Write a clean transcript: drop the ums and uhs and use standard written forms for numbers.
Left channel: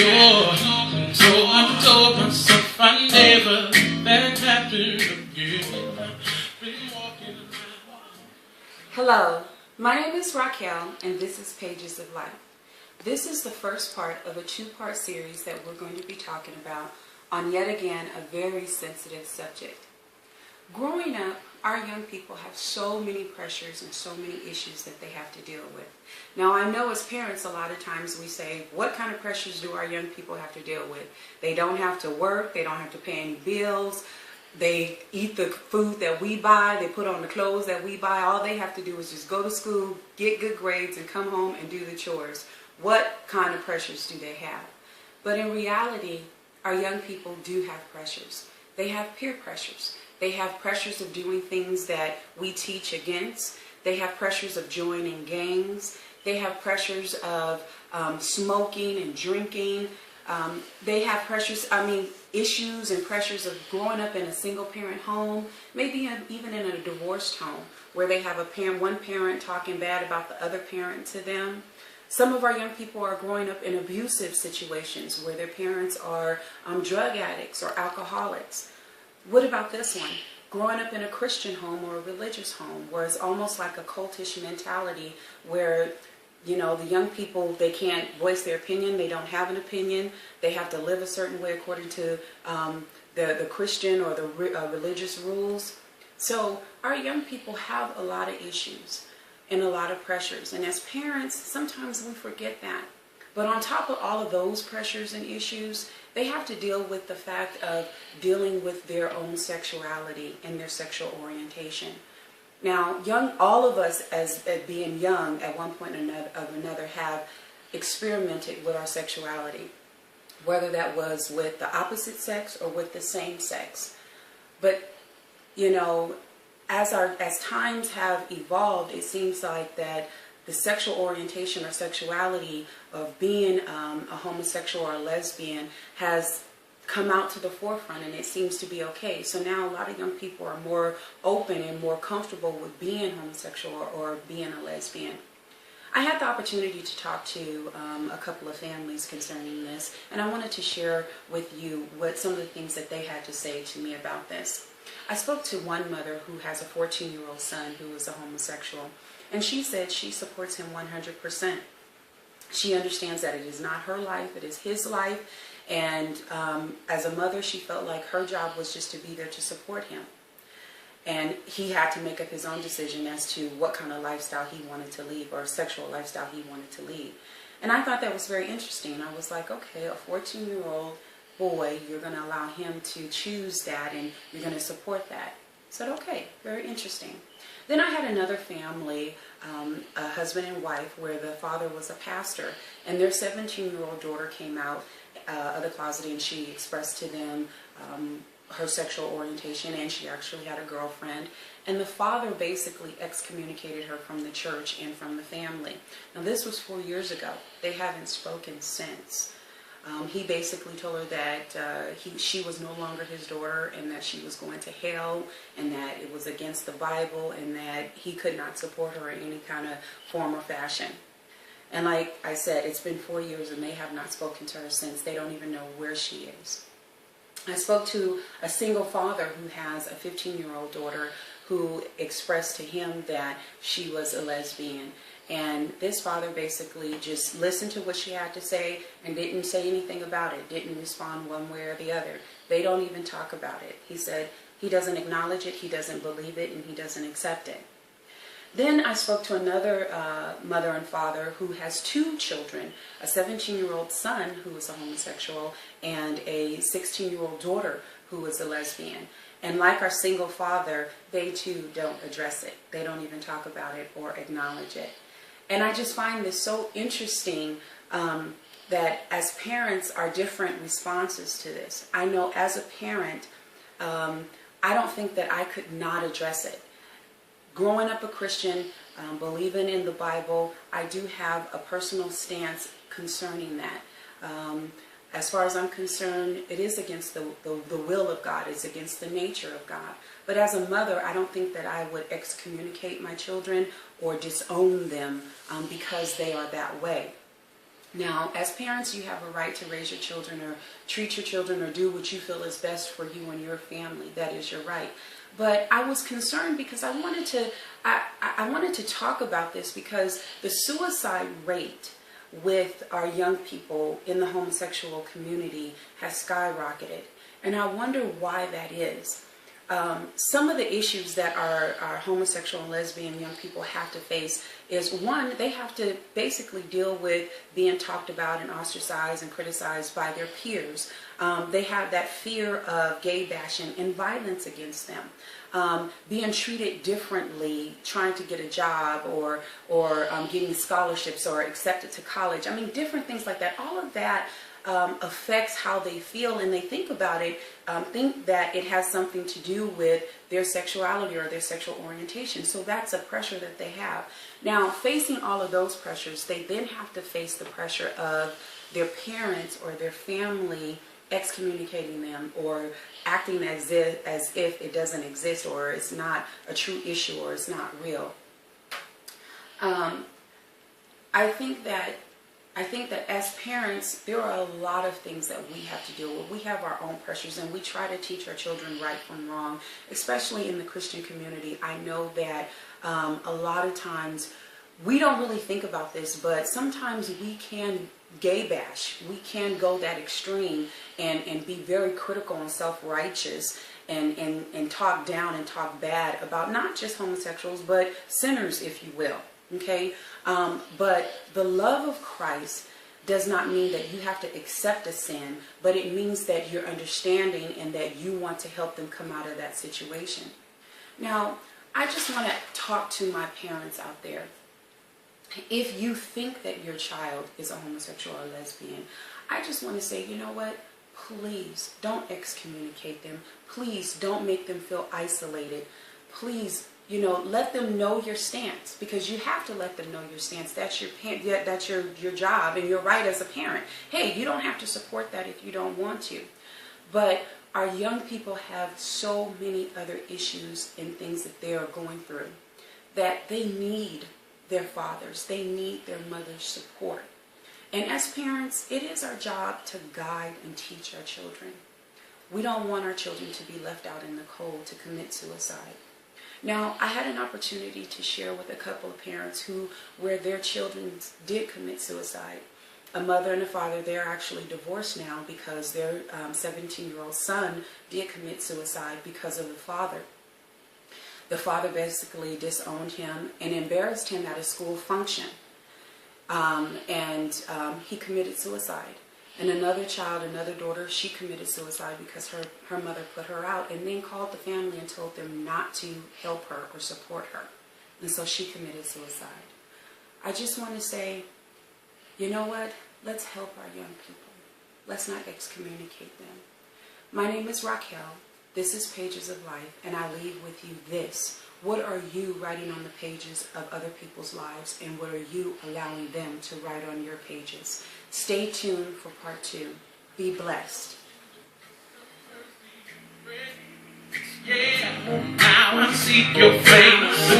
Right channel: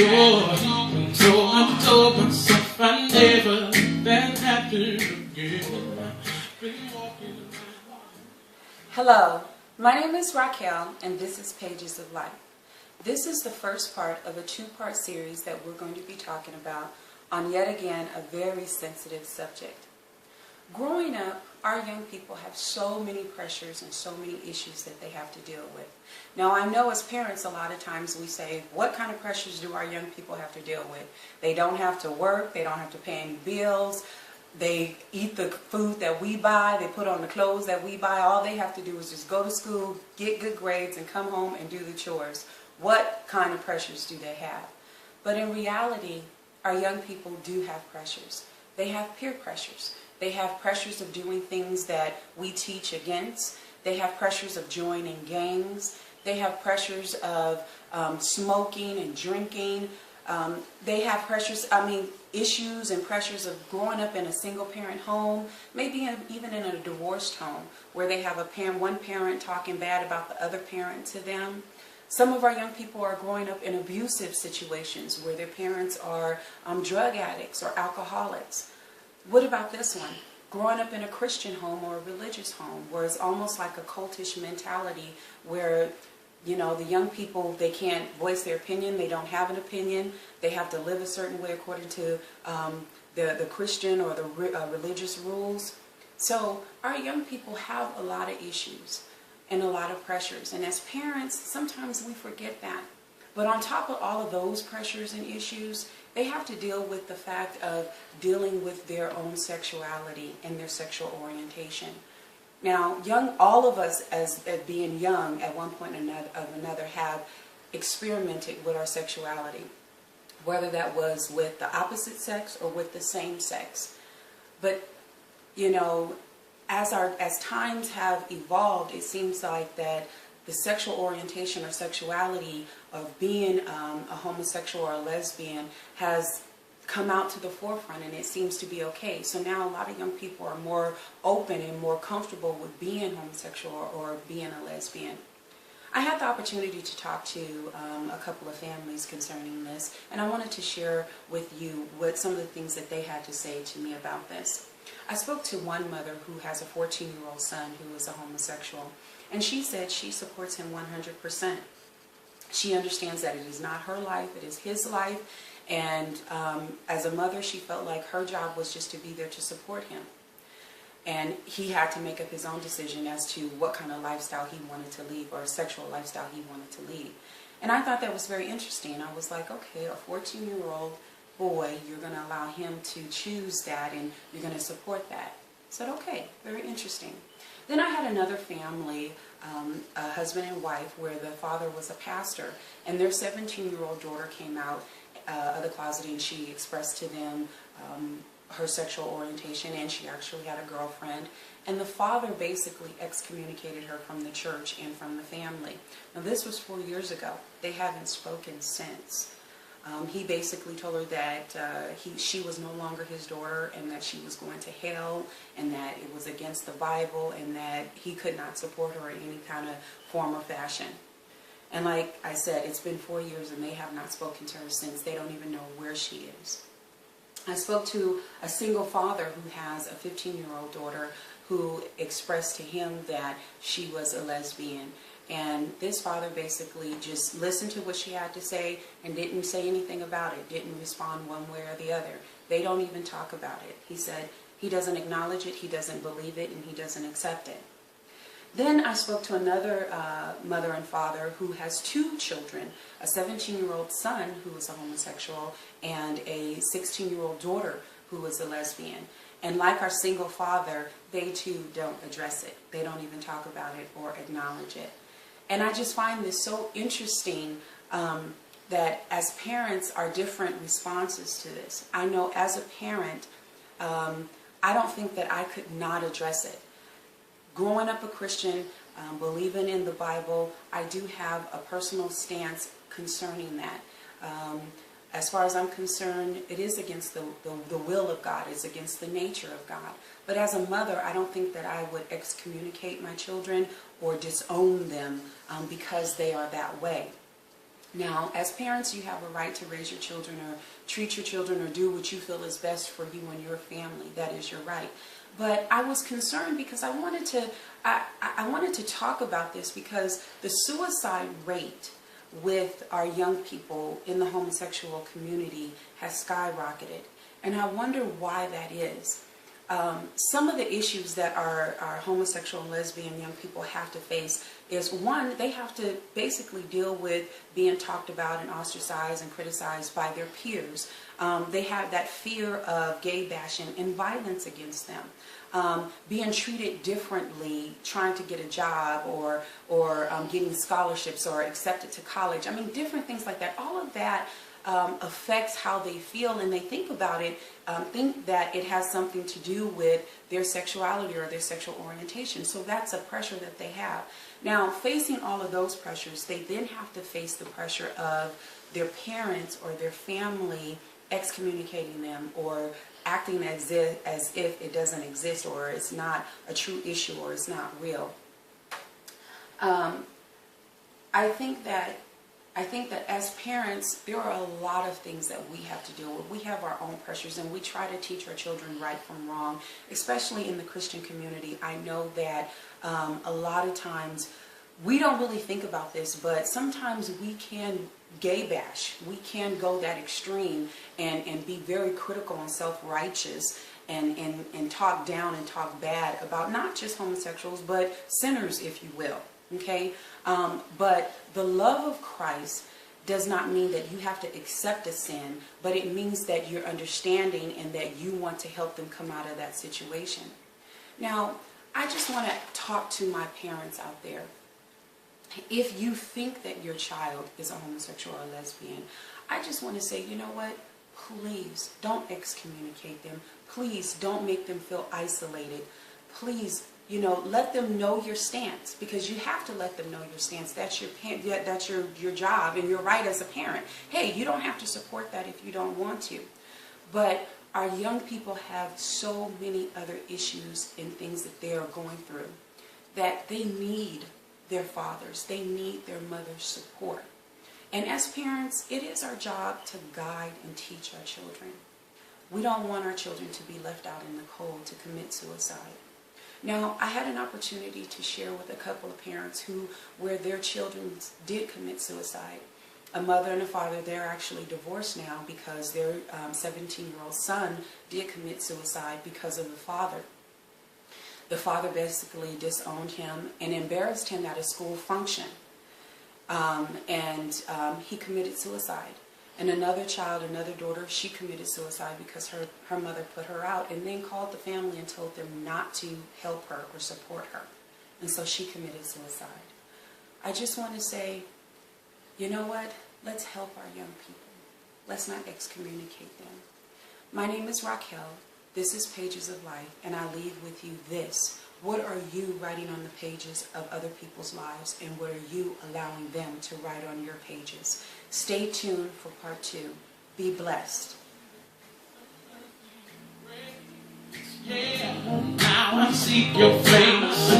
door. I told myself I never that happened again. Been walking around. Hello, my name is Raquel and this is Pages of Life. This is the first part of a two-part series that we're going to be talking about on yet again a very sensitive subject. Growing up, our young people have so many pressures and so many issues that they have to deal with. Now, I know as parents, a lot of times we say, what kind of pressures do our young people have to deal with? They don't have to work, they don't have to pay any bills, they eat the food that we buy, they put on the clothes that we buy. All they have to do is just go to school, get good grades, and come home and do the chores. What kind of pressures do they have? But in reality, our young people do have pressures. They have peer pressures. They have pressures of doing things that we teach against. They have pressures of joining gangs. They have pressures of smoking and drinking. They have pressures, issues and pressures of growing up in a single-parent home, maybe even in a divorced home, where they have one parent talking bad about the other parent to them. Some of our young people are growing up in abusive situations where their parents are drug addicts or alcoholics. What about this one? Growing up in a Christian home or a religious home where it's almost like a cultish mentality where, the young people, they can't voice their opinion, they don't have an opinion, they have to live a certain way according to the Christian or the religious rules. So our young people have a lot of issues and a lot of pressures. And as parents, sometimes we forget that. But on top of all of those pressures and issues, they have to deal with the fact of dealing with their own sexuality and their sexual orientation. Now, all of us as being young at one point or another have experimented with our sexuality, whether that was with the opposite sex or with the same sex. But, as times have evolved, it seems like that the sexual orientation or sexuality of being a homosexual or a lesbian has come out to the forefront, and it seems to be okay. So now a lot of young people are more open and more comfortable with being homosexual or being a lesbian. I had the opportunity to talk to a couple of families concerning this, and I wanted to share with you what some of the things that they had to say to me about this. I spoke to one mother who has a 14-year-old son who is a homosexual, and she said she supports him 100%. She understands that it is not her life, it is his life, and as a mother, she felt like her job was just to be there to support him. And he had to make up his own decision as to what kind of lifestyle he wanted to lead, or sexual lifestyle he wanted to lead. And I thought that was very interesting. I was like, okay, a 14-year-old boy, you're going to allow him to choose that, and you're going to support that. I said, okay, very interesting. Then I had another family, a husband and wife, where the father was a pastor, and their 17-year-old daughter came out of the closet, and she expressed to them her sexual orientation, and she actually had a girlfriend. And the father basically excommunicated her from the church and from the family. Now, this was 4 years ago. They haven't spoken since. He basically told her that she was no longer his daughter, and that she was going to hell, and that it was against the Bible, and that he could not support her in any kind of form or fashion. And like I said, it's been 4 years, and they have not spoken to her since. They don't even know where she is. I spoke to a single father who has a 15-year-old daughter who expressed to him that she was a lesbian. And this father basically just listened to what she had to say and didn't say anything about it, didn't respond one way or the other. They don't even talk about it. He said he doesn't acknowledge it, he doesn't believe it, and he doesn't accept it. Then I spoke to another mother and father who has two children, a 17-year-old son who is a homosexual and a 16-year-old daughter who is a lesbian. And like our single father, they too don't address it. They don't even talk about it or acknowledge it. And I just find this so interesting that as parents, our different responses to this. I know as a parent, I don't think that I could not address it. Growing up a Christian, believing in the Bible, I do have a personal stance concerning that. As far as I'm concerned, it is against the will of God. It's against the nature of God. But as a mother, I don't think that I would excommunicate my children or disown them because they are that way. Now, as parents, you have a right to raise your children or treat your children or do what you feel is best for you and your family. That is your right. But I was concerned because I wanted to talk about this because the suicide rate with our young people in the homosexual community has skyrocketed. And I wonder why that is. Some of the issues that our homosexual and lesbian young people have to face is, one, they have to basically deal with being talked about and ostracized and criticized by their peers. They have that fear of gay bashing and violence against them. Being treated differently, trying to get a job or getting scholarships or accepted to college. I mean, different things like that. All of that affects how they feel, and they think about it, think that it has something to do with their sexuality or their sexual orientation. So that's a pressure that they have. Now, facing all of those pressures, they then have to face the pressure of their parents or their family excommunicating them or acting as if it doesn't exist or it's not a true issue or it's not real. I think that as parents, there are a lot of things that we have to deal with. We have our own pressures, and we try to teach our children right from wrong, especially in the Christian community. I know that a lot of times we don't really think about this, but sometimes we can gay bash. We can go that extreme and be very critical and self-righteous and talk down and talk bad about not just homosexuals, but sinners, if you will. Okay? But the love of Christ does not mean that you have to accept a sin, but it means that you're understanding and that you want to help them come out of that situation. Now, I just want to talk to my parents out there. If you think that your child is a homosexual or lesbian, I just want to say, you know what? Please don't excommunicate them. Please don't make them feel isolated. Please, let them know your stance, because you have to let them know your stance. That's your job and your right as a parent. Hey, you don't have to support that if you don't want to. But our young people have so many other issues and things that they are going through that they need their fathers, they need their mother's support. And as parents, it is our job to guide and teach our children. We don't want our children to be left out in the cold to commit suicide. Now, I had an opportunity to share with a couple of parents where their children did commit suicide. A mother and a father, they're actually divorced now because their 17-year-old son did commit suicide because of the father. The father basically disowned him and embarrassed him at a school function. He committed suicide. And another child, another daughter, she committed suicide because her mother put her out and then called the family and told them not to help her or support her. And so she committed suicide. I just want to say, you know what? Let's help our young people. Let's not excommunicate them. My name is Raquel. This is Pages of Life, and I leave with you this. What are you writing on the pages of other people's lives, and what are you allowing them to write on your pages? Stay tuned for part 2. Be blessed. Yeah, now I seek your face.